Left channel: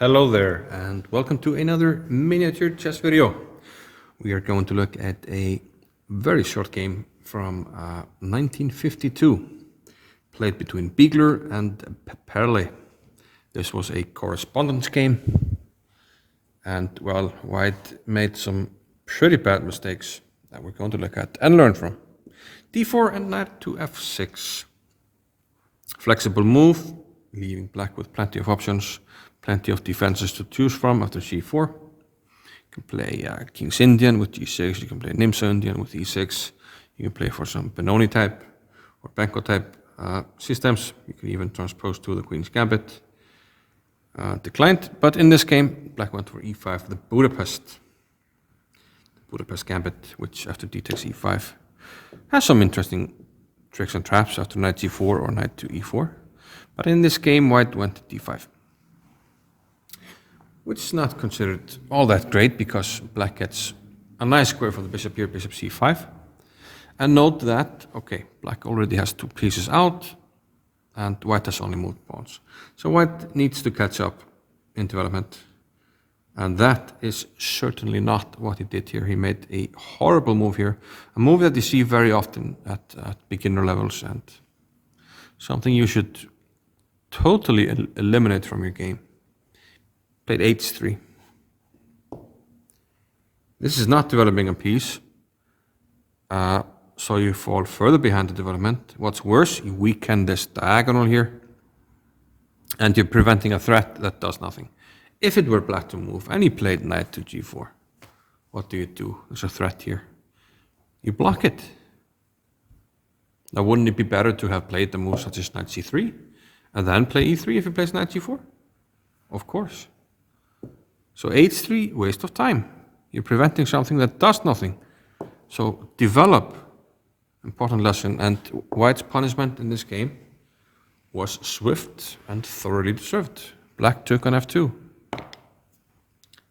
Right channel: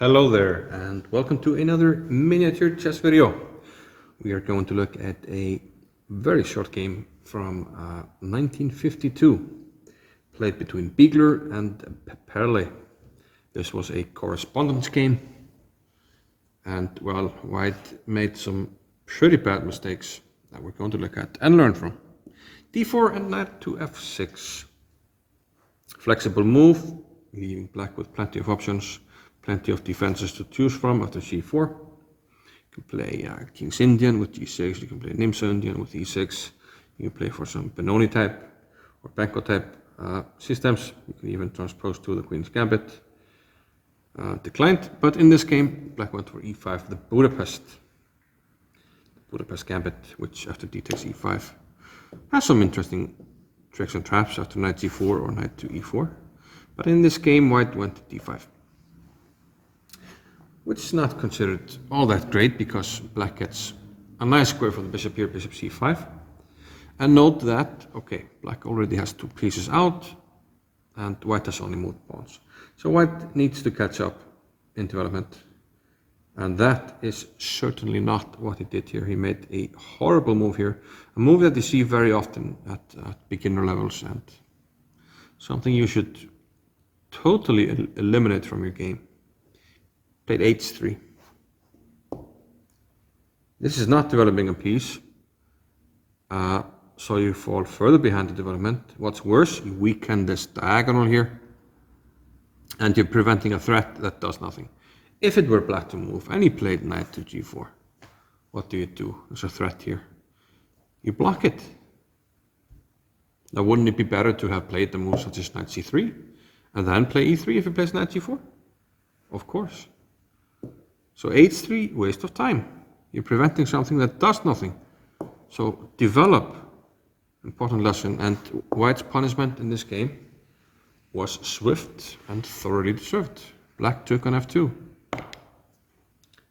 Hello there and welcome to another miniature chess video. We are going to look at a very short game from 1952, played between Biegler and Peperle. This was a correspondence game, and well, White made some pretty bad mistakes that we're going to look at and learn from. d4 and knight to f6. Flexible move, leaving black with plenty of options. Plenty of defenses to choose from after g4. You can play King's Indian with g6, you can play Nimsa Indian with e6, you can play for some Benoni type or Benko type systems. You can even transpose to the Queen's Gambit. Declined, but in this game, black went for e5, the Budapest Gambit, which after d takes e5 has some interesting tricks and traps after knight g4 or knight to e4. But in this game, white went to d5. Which is not considered all that great because black gets a nice square for the bishop here, bishop c5. And note that, okay, black already has two pieces out and white has only moved pawns. So white needs to catch up in development. And that is certainly not what he did here. He made a horrible move here, a move that you see very often at beginner levels and something you should totally eliminate from your game. Played h3. This is not developing a piece, so you fall further behind the development. What's worse, you weaken this diagonal here, and you're preventing a threat that does nothing. If it were black to move, and he played knight to g4, what do? There's a threat here. You block it. Now, wouldn't it be better to have played the move such as knight c3, and then play e3 if he plays knight g4? Of course. So h3, waste of time. You're preventing something that does nothing. So develop, important lesson, and white's punishment in this game was swift and thoroughly deserved. Black took on f2,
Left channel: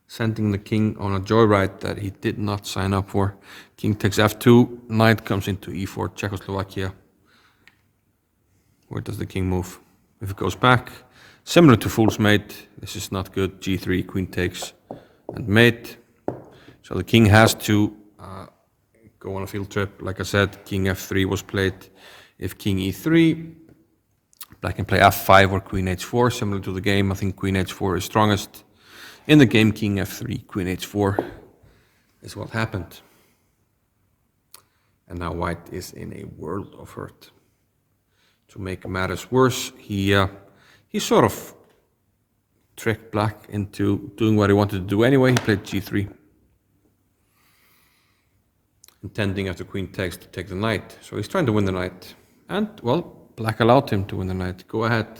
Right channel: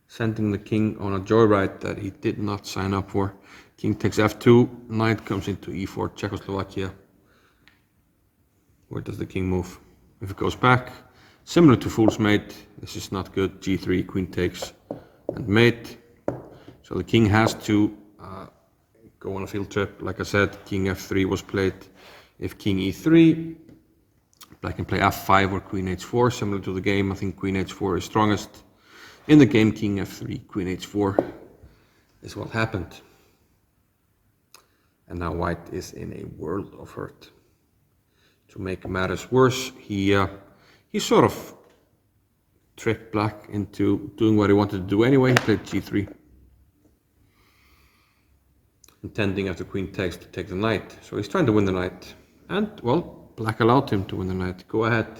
sending the king on a joyride that he did not sign up for. King takes f2, knight comes into e4, Czechoslovakia. Where does the king move? If it goes back, similar to fool's mate, this is not good. g3, queen takes, and mate. So the king has to go on a field trip. Like I said, king f3 was played. If king e3, black can play f5 or queen h4, similar to the game. I think queen h4 is strongest. In the game, king f3, queen h4 is what happened. And now white is in a world of hurt. To make matters worse, he sort of tricked black into doing what he wanted to do anyway. He played g3, intending after queen takes to take the knight. So he's trying to win the knight. And, well, black allowed him to win the knight. Go ahead.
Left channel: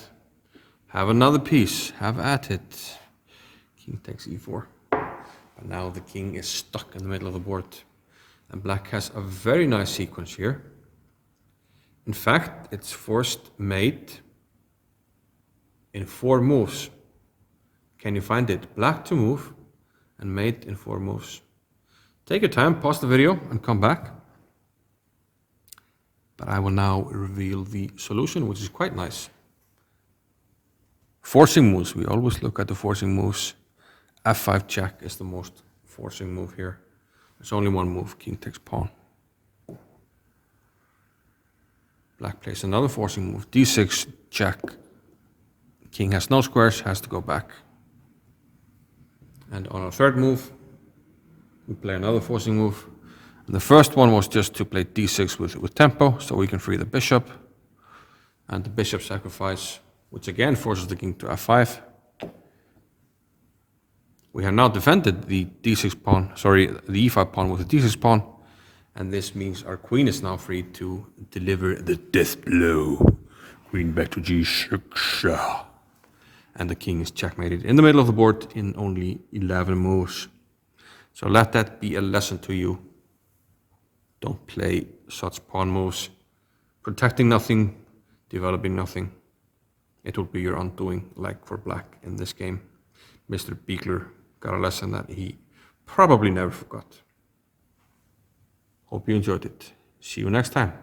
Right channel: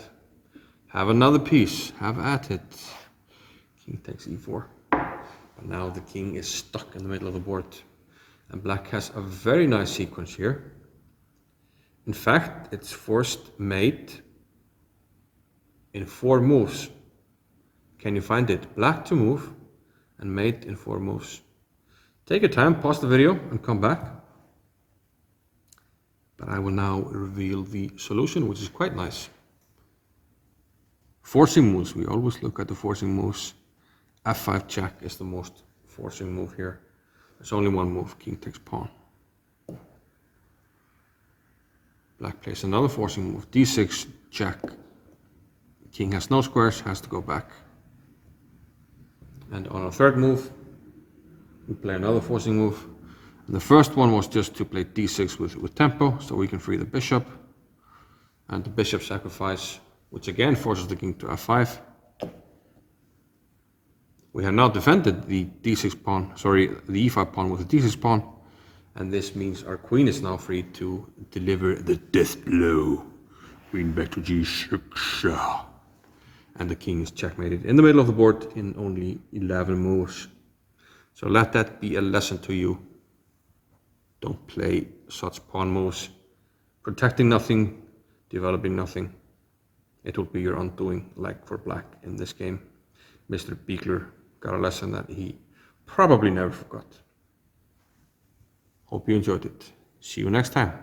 Have another piece. Have at it. King takes e4. But now the king is stuck in the middle of the board. And black has a very nice sequence here. In fact, it's forced mate in 4 moves. Can you find it? Black to move and mate in 4 moves. Take your time, pause the video and come back. But I will now reveal the solution, which is quite nice. Forcing moves, we always look at the forcing moves. f5 check is the most forcing move here. There's only one move, king takes pawn. Black plays another forcing move, d6 check. King has no squares, has to go back. And on our third move, we play another forcing move. And the first one was just to play d6 with tempo, so we can free the bishop. And the bishop sacrifice, which again forces the king to f5. We have now defended the d6 pawn, the e5 pawn with the d6 pawn. And this means our queen is now free to deliver the death blow. Queen back to g6. And the king is checkmated in the middle of the board in only 11 moves. So let that be a lesson to you. Don't play such pawn moves. Protecting nothing, developing nothing. It will be your undoing, like for black in this game. Mr. Biegler got a lesson that he probably never forgot. Hope you enjoyed it. See you next time.